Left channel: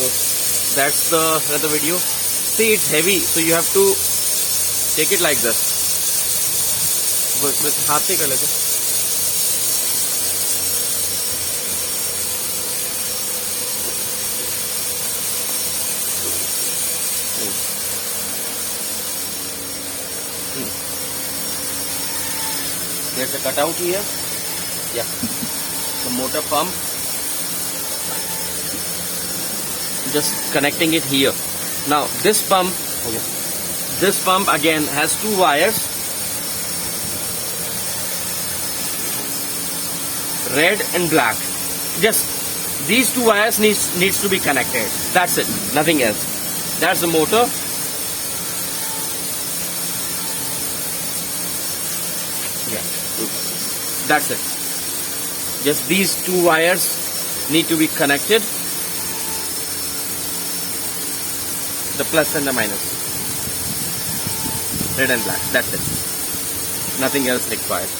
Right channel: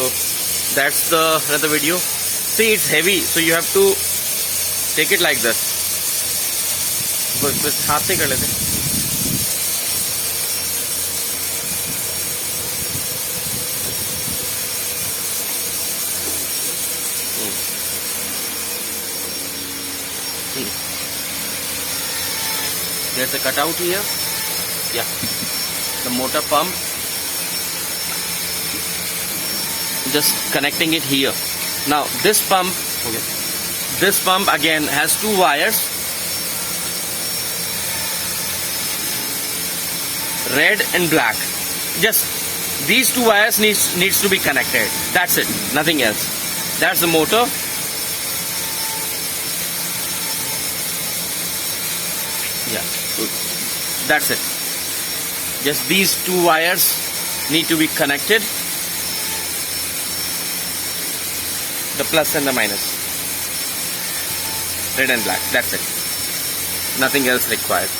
So that's the another video. See, it's heavy, so you have to take it like this. बस हाथ से कर लेते हैं. There's a cutout here. Yeah, the motor pump. Just connecting it here. Now this pump, okay, this pump again has two wires, red and black. Just these two wires needs to be connected. That's it, nothing else. That's the motor. Yeah, so that's it. Just these two wires need to be connected. The plus and the minus, red and black. That's it. Nothing else required.